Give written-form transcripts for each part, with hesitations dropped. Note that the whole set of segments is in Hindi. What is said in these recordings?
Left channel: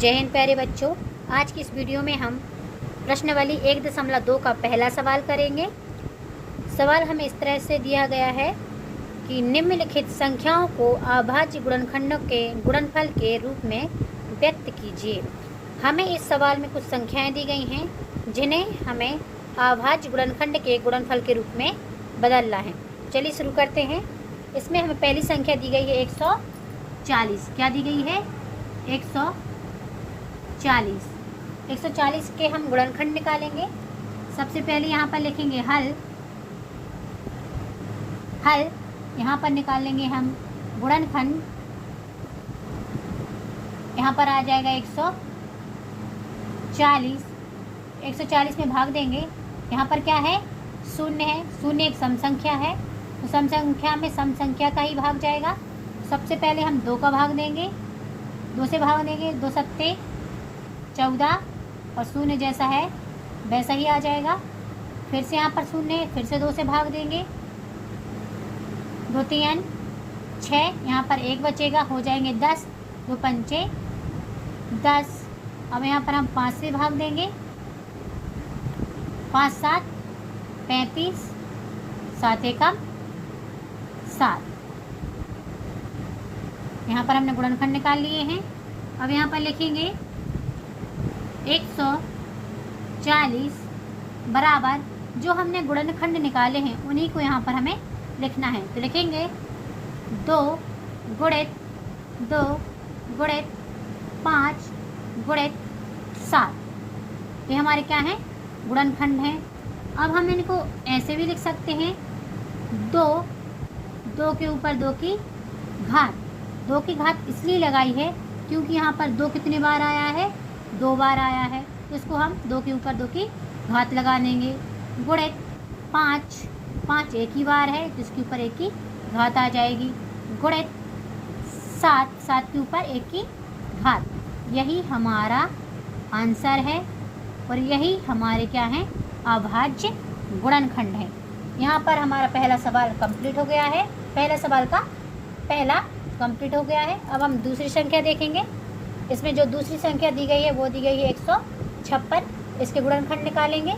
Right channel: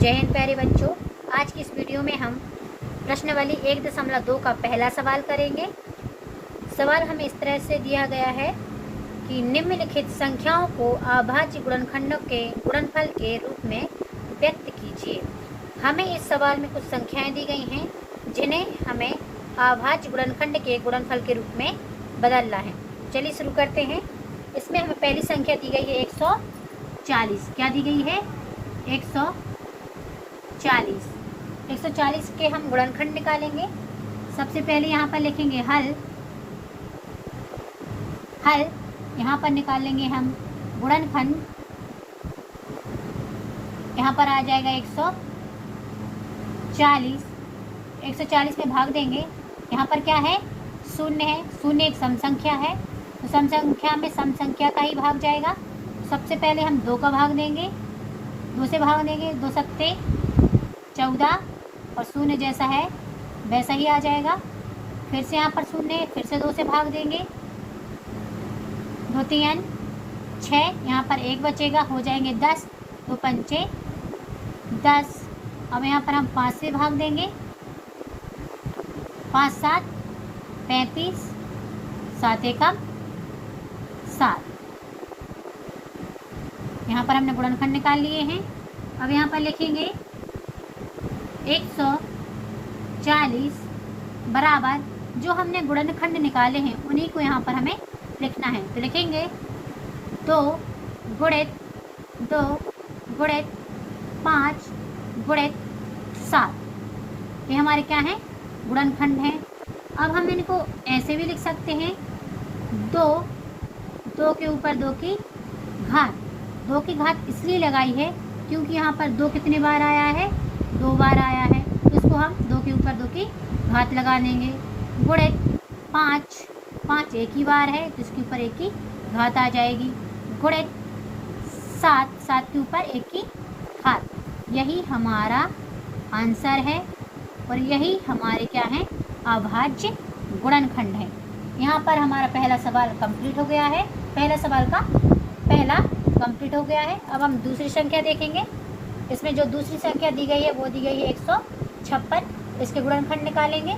जय हिंद प्यारे बच्चों। आज की इस वीडियो में हम प्रश्नावली 1.2 का पहला सवाल करेंगे। सवाल हमें इस तरह से दिया गया है कि निम्नलिखित संख्याओं को अभाज्य गुणनखंडों के गुणनफल के रूप में व्यक्त कीजिए। हमें इस सवाल में कुछ संख्याएं दी गई हैं जिन्हें हमें अभाज्य गुणनखंड के गुणनफल के रूप में बदलना है। चलिए शुरू करते हैं। इसमें हमें पहली संख्या दी गई है 140। क्या दी गई है? 140। 140 के हम गुणनखंड निकालेंगे। सबसे पहले यहाँ पर लिखेंगे हल। यहाँ पर निकालेंगे हम गुणनखंड। यहाँ पर आ जाएगा 140। 140 में भाग देंगे। यहाँ पर क्या है? शून्य है। शून्य एक सम संख्या है, तो सम संख्या में सम संख्या का ही भाग जाएगा। सबसे पहले हम 2 का भाग देंगे। 2 से भाग देंगे। 2 सत्ते 14 और शून्य जैसा है वैसा ही आ जाएगा। फिर से यहाँ पर शून्य, फिर से 2 से भाग देंगे। 2 3 6, यहाँ पर 1 बचेगा, हो जाएंगे 10। 2 पंचे 10। अब यहाँ पर हम 5 से भाग देंगे। 5 7 35, 7 एकम 7। यहाँ पर हमने गुणनखंड निकाल लिए हैं। अब यहाँ पर लिखेंगे 140 बराबर जो हमने गुणनखंड निकाले हैं उन्हीं को यहाँ पर हमें लिखना है। तो लिखेंगे 2 गुणित 2 गुणित 5 गुणित 7। ये हमारे क्या है? गुणनखंड है। अब हम इनको ऐसे भी लिख सकते हैं 2 के ऊपर 2 की घात। 2 की घात इसलिए लगाई है क्योंकि यहाँ पर 2 कितने बार आया है? 2 बार आया है, तो इसको हम 2 के ऊपर 2 की घात लगा देंगे। गुणित 5 एक ही बार है तो इसके ऊपर 1 की घात आ जाएगी। गुणित 7 के ऊपर 1 की घात। यही हमारा आंसर है और यही हमारे क्या है? अभाज्य गुणनखंड है। यहाँ पर हमारा पहला सवाल कंप्लीट हो गया है। पहला सवाल का पहला कंप्लीट हो गया है। अब हम दूसरी संख्या देखेंगे। इसमें जो दूसरी संख्या दी गई है वो दी गई है 156। इसके गुणनखंड निकालेंगे।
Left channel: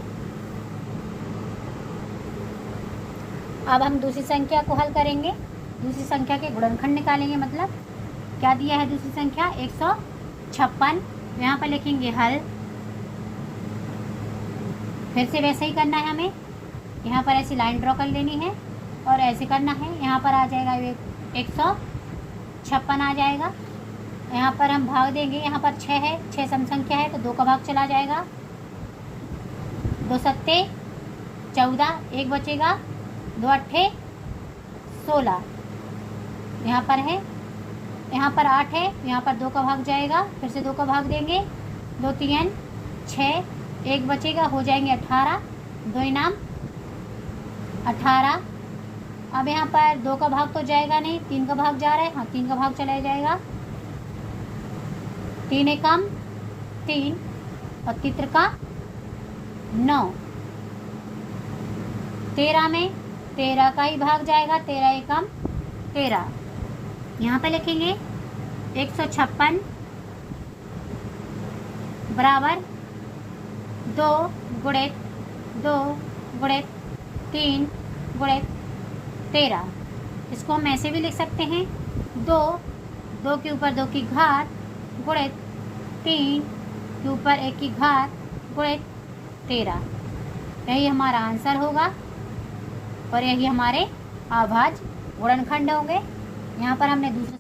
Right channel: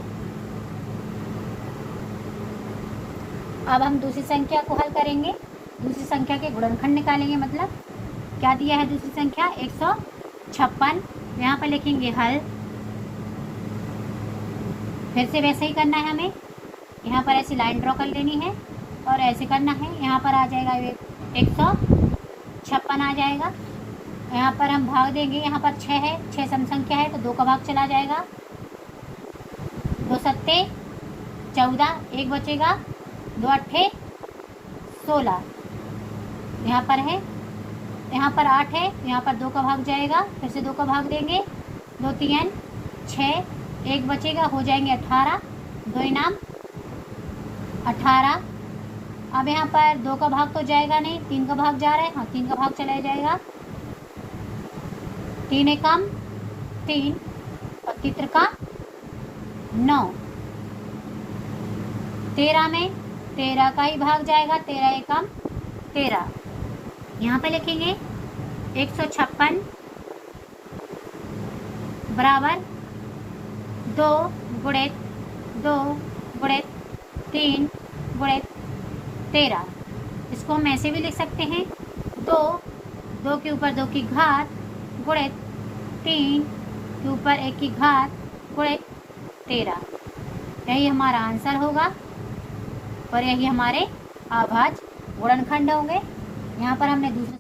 अब हम दूसरी संख्या को हल करेंगे। दूसरी संख्या के गुणनखंड निकालेंगे। मतलब क्या दिया है दूसरी संख्या? 156। यहाँ पर लिखेंगे हल। फिर से वैसे ही करना है हमें। यहाँ पर ऐसी लाइन ड्रॉ कर लेनी है और ऐसे करना है। यहाँ पर आ जाएगा 156 आ जाएगा। यहाँ पर हम भाग देंगे। यहाँ पर 6 है, 6 सम संख्या है तो 2 का भाग चला जाएगा। 2 सत्ते 14, 1 बचेगा। 2 अट्ठे 16 यहाँ पर है। यहाँ पर 8 है, यहाँ पर 2 का भाग जाएगा। फिर से 2 का भाग देंगे। 2 3 6, 1 बचेगा, हो जाएंगे 18। 2 इनाम 18। अब यहाँ पर 2 का भाग तो जाएगा नहीं, 3 का भाग जा रहा है। हाँ, 3 का भाग चला जाएगा। 3 एकम 3 और तित्र का 9। 13 में 13 का ही भाग जाएगा। 13 एकम 13। यहाँ पर लिखेंगे 156 बराबर 2 गुणित 2 गुणित 3 गुणित 13। इसको हम ऐसे भी लिख सकते हैं 2 के ऊपर 2 की घात गुणित 3 के ऊपर 1 की घात गुणित 13। यही हमारा आंसर होगा और यही हमारे अभाज्य गुणनखंड होंगे। यहाँ पर हमने दूसरे